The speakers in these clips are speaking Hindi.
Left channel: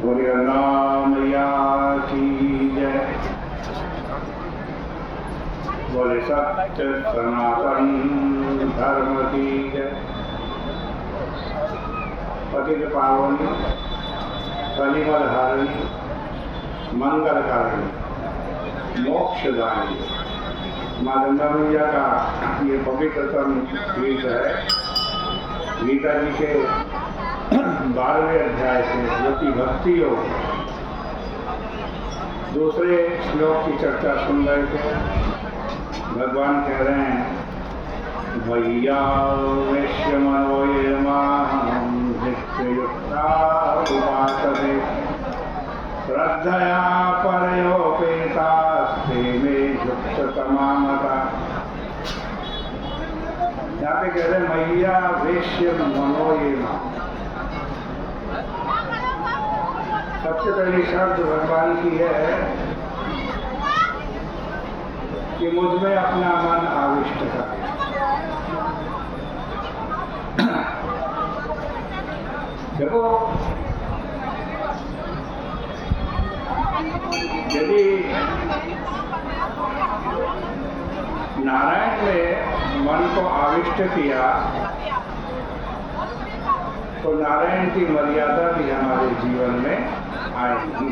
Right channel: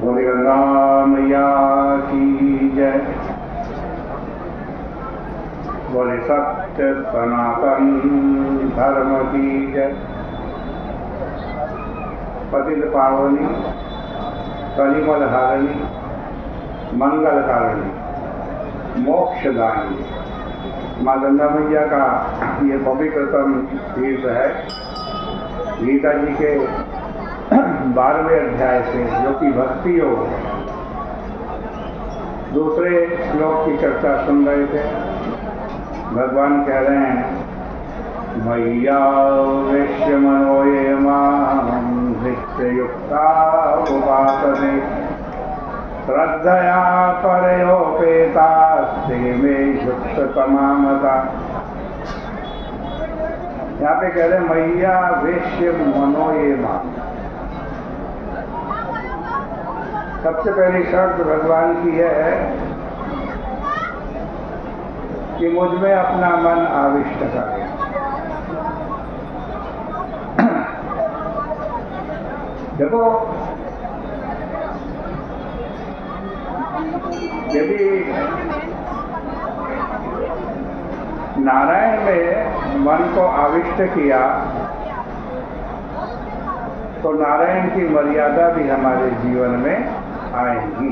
बोले गंगा मैया की जय। बोले सत्य सनातन धर्म की जय। पतित पावनी कलिमल हारिणी मंगलकारिणी मोक्षदायिनी माँ गंगा मैया का ये पवित्रतम गीत है गीता जी के 12वें अध्याय से, जो कि भक्ति योग है। दूसरे श्लोक की चर्चा सुन रहे थे। भगवान कह रहे हैं, मैया वैश्य मनो ये मां नित्ययुक्ता उपासते श्रद्धया परयोपेतास्ते मे युक्त तमामता। यहाँ पे कह रहे हैं, मैया वैश्य मनो ये मां। सबसे पहली शर्त भगवान की है कि मुझ में अपना मन आविष्ट करे। देखो, यदि नारायण में मन को आविष्ट किया तो नारायण की मर्यादा भी हमारे जीवन में आएगी।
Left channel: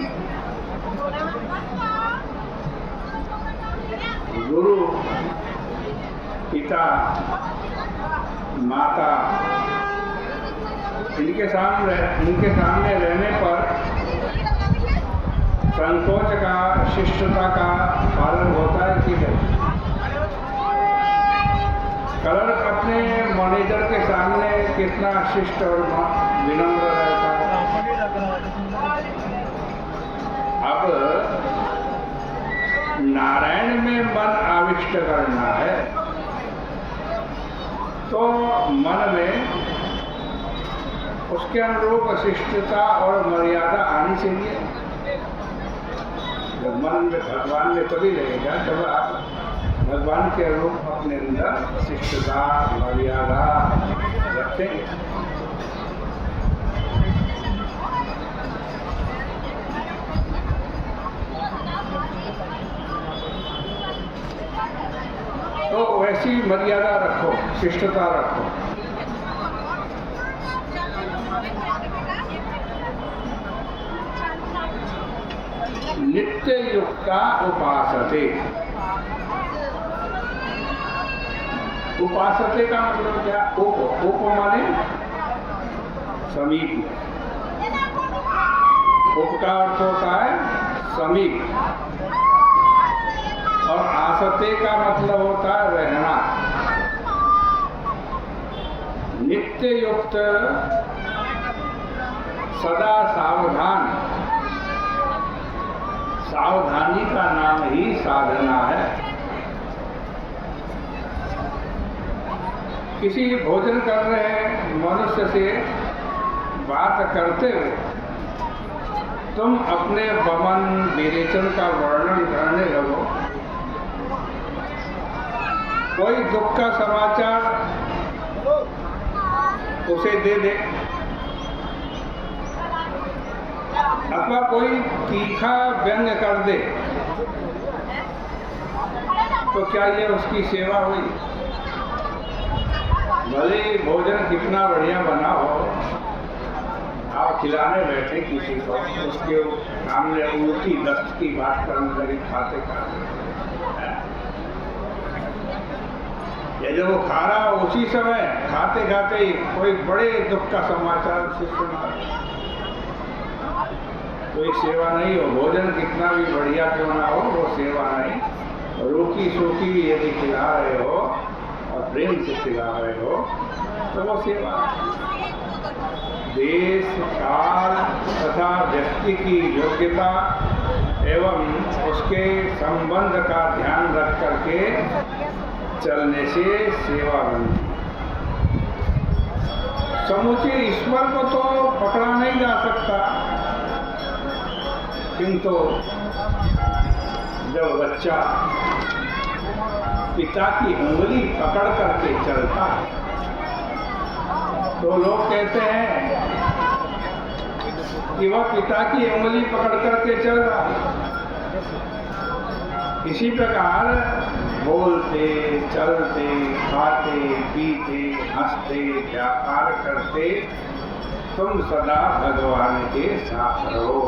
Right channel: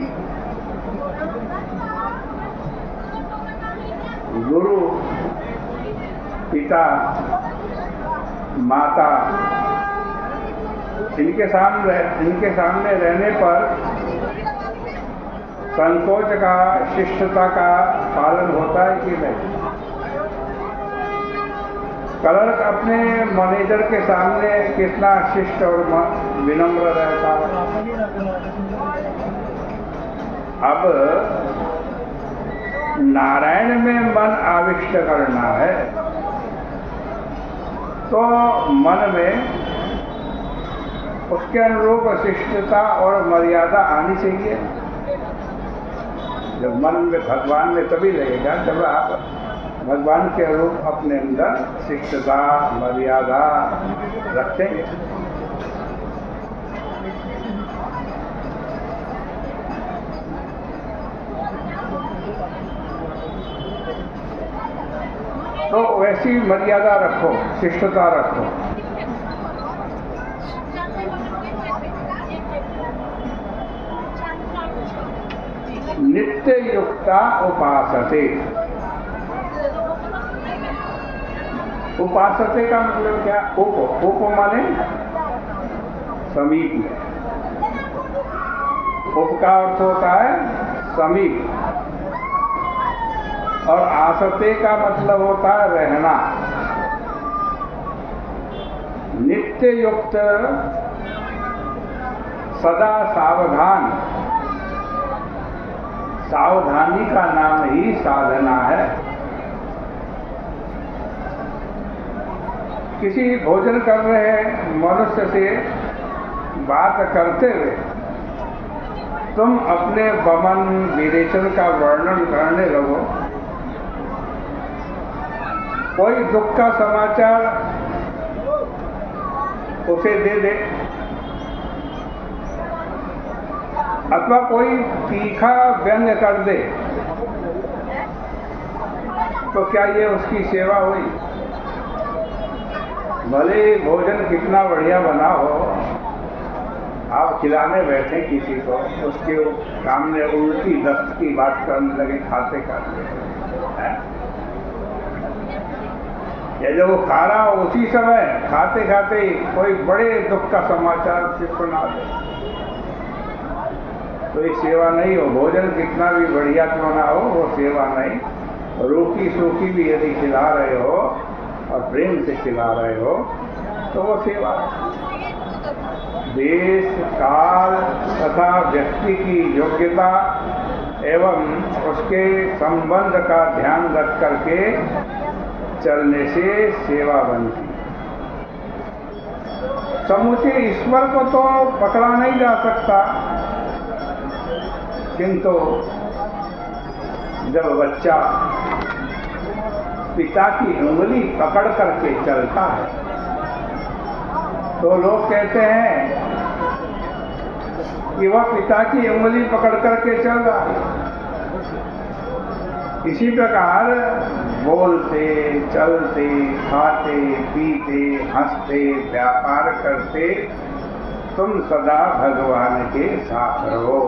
गुरु, पिता, माता, इनके सामने रहने पर संकोच का, शिष्टता का पालन होता है कि नहीं? क्लर्क अपने मैनेजर के सामने कितना शिष्ट और विनम्र रहता है। अब नारायण में मन आविष्ट करना है तो मन में उसके अनुरूप शिष्टता और मर्यादा आनी चाहिए। जब मन में भगवान में तभी रहेगा जब आप भगवान के अनुरूप अपने अंदर शिष्टता, मर्यादा रखेंगे। तो वैसी मर्यादा रखो, शिष्टता रखो। नित्य युक्ता उपासते। उपासते का मतलब क्या? उप माने समीप में। उप का अर्थ होता है समीप, और आसते का मतलब होता है रहना। नित्य युक्त, सदा सावधान। सावधानी का नाम ही साधना है। किसी भोजन कर रहे मनुष्य से बात करते हुए तुम अपने वमन विरेचन का वर्णन करने लगो, कोई दुख का समाचार उसे दे दे, अथवा कोई तीखा व्यंग कर दे, तो क्या ये उसकी सेवा हुई? भले भोजन कितना बढ़िया बना हो, आप खिलाने बैठे किसी को, उसके सामने उल्टी दस्त की बात करने लगे खाते खाते, या जब वो खा रहा उसी समय खाते खाते ही कोई बड़े दुख का समाचार उसे सुना दे, तो ये सेवा नहीं हो। भोजन कितना भी बढ़िया क्यों ना हो, वो सेवा नहीं। रूखी सूखी भी यदि खिला रहे हो और प्रेम से खिला रहे हो तो वो सेवा है। देश, काल तथा व्यक्ति की योग्यता एवं उसके संबंध का ध्यान रख करके चलने से सेवा बनती है। समूचे ईश्वर को तो पकड़ा नहीं जा सकता, किंतु जब बच्चा पिता की उंगली पकड़ करके चलता है तो लोग कहते हैं कि वह पिता की उंगली पकड़ करके चल रहा है। इसी प्रकार बोलते, चलते, खाते, पीते, हंसते, व्यापार करते तुम सदा भगवान के साथ रहो।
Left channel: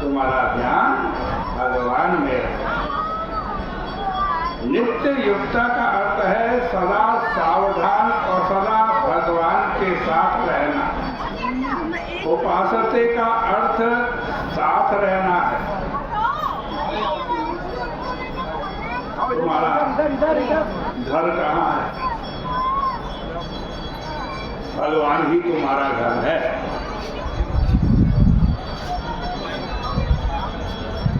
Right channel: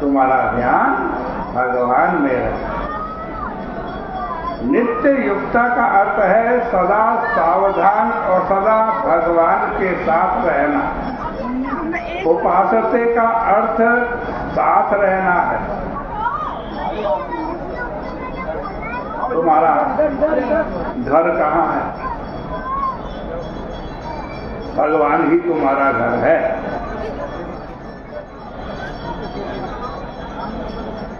तुम्हारा ध्यान भगवान में रहे। नित्य युक्ता का अर्थ है सदा सावधान और सदा भगवान के साथ रहना। उपासते का अर्थ साथ रहना है। तुम्हारा घर कहाँ है? भगवान ही तुम्हारा घर है।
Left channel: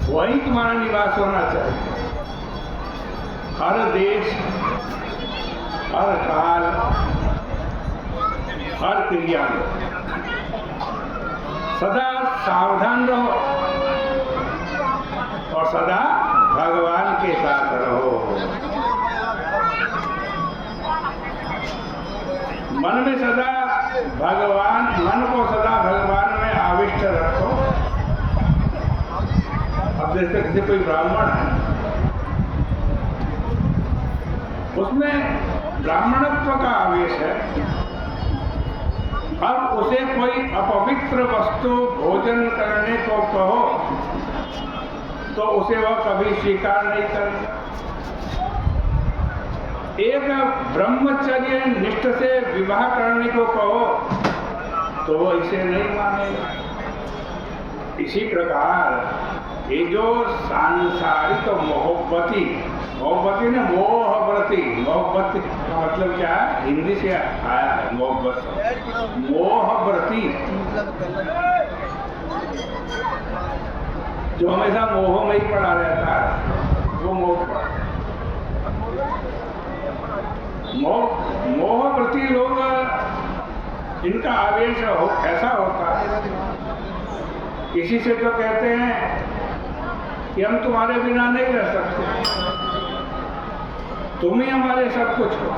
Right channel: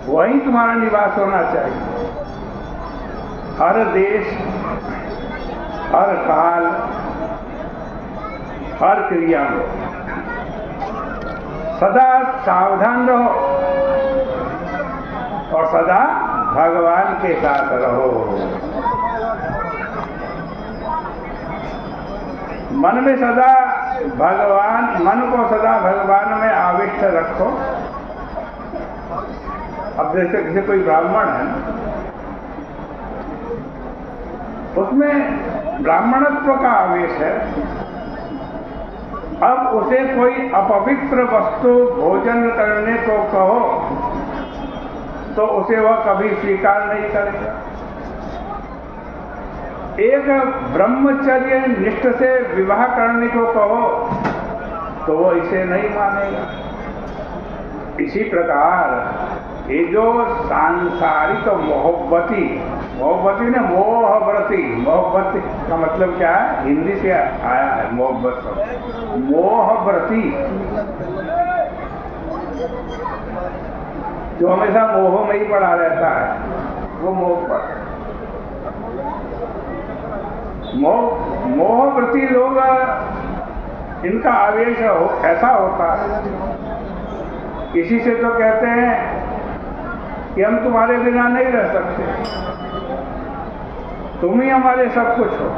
वही तुम्हारा निवास होना चाहिए। हर देश, हर काल, हर क्रिया में सदा सावधान रहो और सदा भगवान के साथ रहो। मन में सदा भगवान, मन को सदा भगवान में आविष्ट रखो। अब जैसे कोई ब्राह्मण है, उसमें ब्राह्मणत्व का आवेश है। अब उसे कोई अपवित्र वस्तु भोजन करने को कहो तो उसे वह कभी स्वीकार नहीं करेगा। एक ब्रह्मचर्य निष्ठ से विवाह करने को कहो तो वो इसे नहीं मानेगा। इसी प्रकार ये जो सांसारिक मोहब्बती ने मोहव्रती, मोहब्बत का मतलब क्या है? हिंदी से आया है मोहब्बत शब्द। मोहव्रती जो हमेशा मोह में ही पड़ा रहता है, वो मोह पर। मोहव्रती लोग, इनका आवेश ऐसा होता है, किसी से तो कहते हैं कि हम तुम्हारे बिना नहीं रह सकते, तुम ही हमारे सब कुछ हो।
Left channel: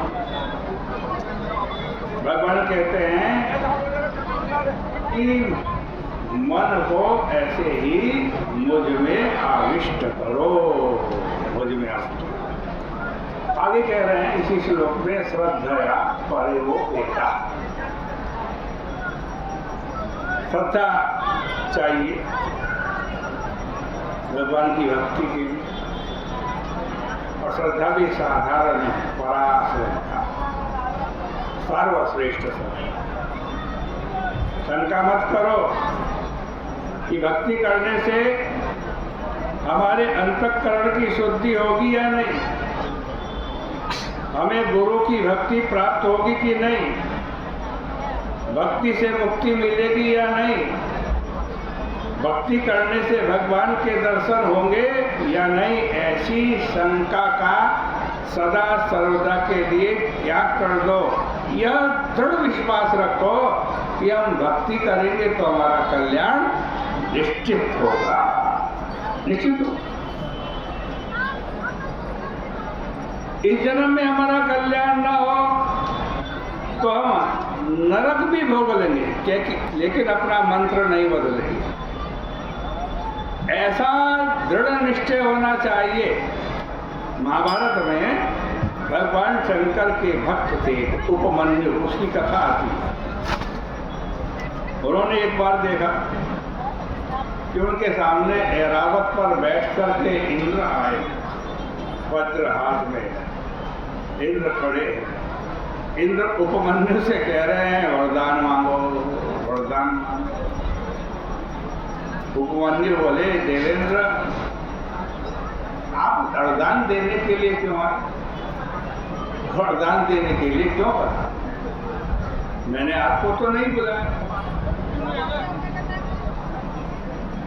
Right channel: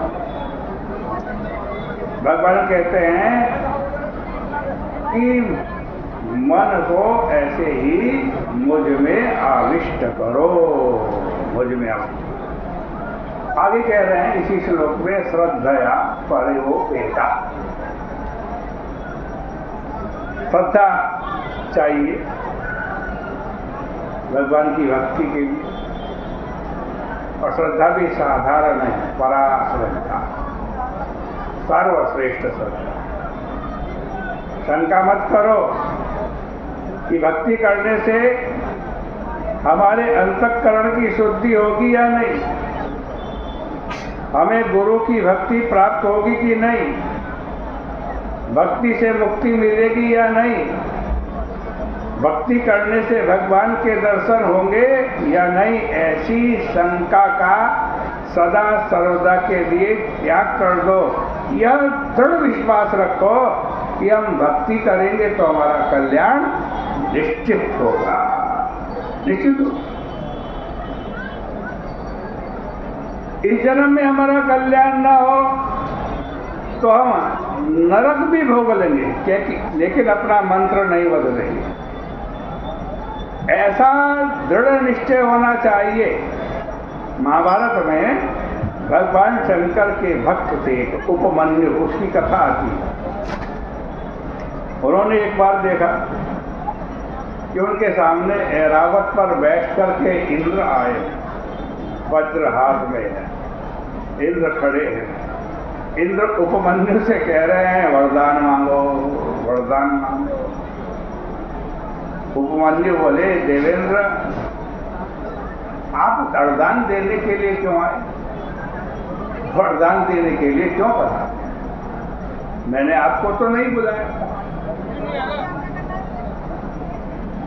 भगवान कहते हैं कि मन को ऐसे ही मुझ में आविष्ट करो, मुझ में आविष्ट। आगे कह रहे हैं इसी श्लोक में, श्रद्धया परोपेता। श्रद्धा चाहिए भगवान की भक्ति के लिए, और श्रद्धा भी साधारण है, परा श्रद्धा, सर्वश्रेष्ठ श्रद्धा। शंका मत करो कि भक्ति करने से हमारे अंतःकरण की शुद्धि होगी या नहीं, हमें गुरु की भक्ति प्राप्त होगी कि नहीं, भक्ति से मुक्ति मिलेगी या नहीं, भक्ति करने से भगवान के दर्शन होंगे या नहीं, ऐसी शंका का सदा सर्वदा के लिए त्याग कर दो। यह दृढ़ विश्वास रखो कि हम भक्ति करेंगे तो हमारा कल्याण निश्चित होगा, निश्चित होगा। इस जन्म में हमारा कल्याण ना हो तो हम नरक भी भोग लेंगे, लेकिन अपना मंत्र नहीं बदलेंगे। ऐसा दृढ़ निश्चय होना चाहिए। महाभारत में भगवान शंकर के भक्त थे उपमन्यु, उसकी कथा आती है। उन्होंने एक बार देखा कि उनके सामने ऐरावत पर बैठ करके इंद्र आए, वज्र हाथ में है, इंद्र खड़े हैं। इंद्र उपमन्यु से कह रहे हैं वरदान मांगो, वरदान मांगो। उपमन्यु बोले देवेंद्र आप वरदान देने के लिए क्यों आए? वरदान देने के लिए क्यों कहा? मैंने आपको तो नहीं बुलाया।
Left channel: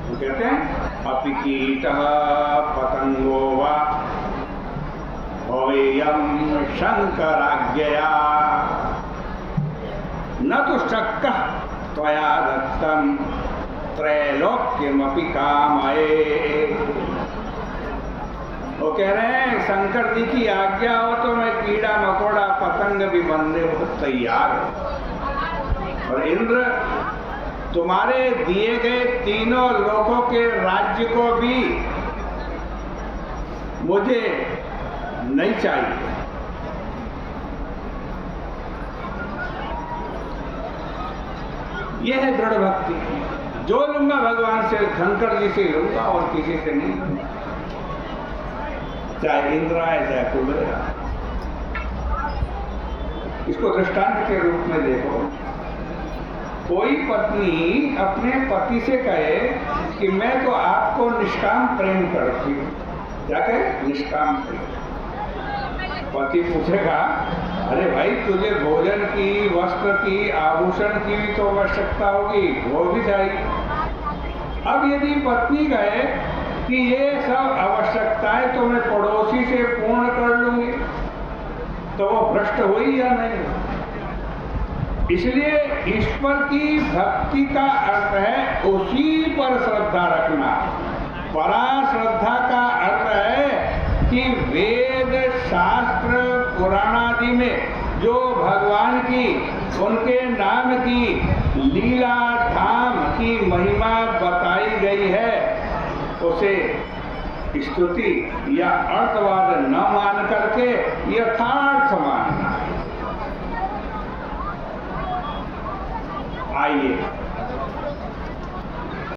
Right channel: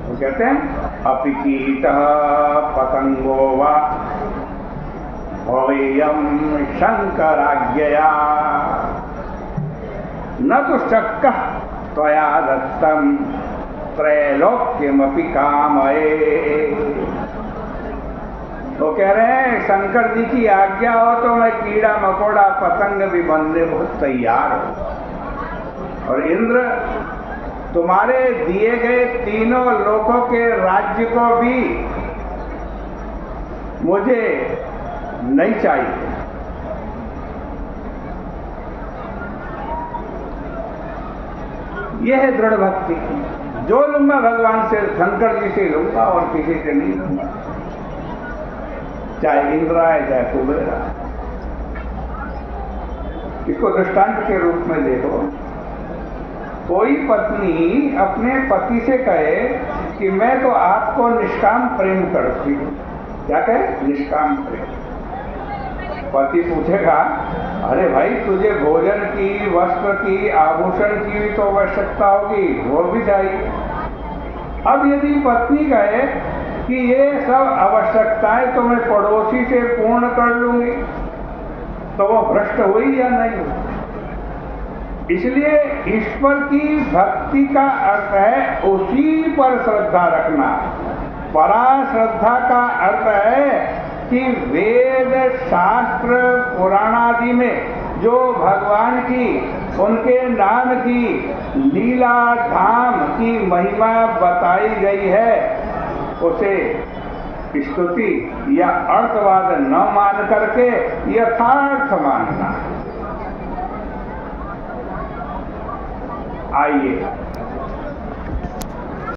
वो कहते हैं अपिकीटः पतंगो वा भवेयं शंकराज्ञया न तो शक्कः त्वया दत्तं त्रैलोक्यमपि कामये। वो कह रहे हैं शंकर जी की आज्ञा हो तो मैं कीड़ा मकोड़ा पतंग भी बनने बहुत तैयार हूं। और इंद्र तुम्हारे दिए गए तीनों लोकों के राज्य को भी मुझे नहीं चाहिए। यह है दृढ़ भक्ति। जो लूंगा भगवान से, शंकर जी से लूंगा और किसी से नहीं लूंगा, चाहे इंद्रा है चाहे कुबेरा। इसको दृष्टांत के रूप में देखो। कोई पत्नी अपने पति से कहे कि मैं तो आपको निष्काम प्रेम करती हूँ। क्या कहे? निष्काम प्रेम। पति पूछेगा, अरे भाई तुझे भोजन की, वस्त्र की, आभूषण की भी तो आवश्यकता होगी, वो भी चाहिए। अब यदि पत्नी कहे कि ये सब आवश्यकताएं तो मैं पड़ोसी से पूर्ण कर लूंगी, तो वो भ्रष्ट हुई या नहीं? इसलिए ईश्वर की भक्ति का अर्थ है उसी पर श्रद्धा रखना। परा श्रद्धा का अर्थ है कि वेद, शास्त्र, पुराण आदि में जो भगवान की, उनके नाम की लीला धाम की महिमा बताई गई है, उसे स्तुति या अर्थवाद न मान करके यथार्थ मानना। आइए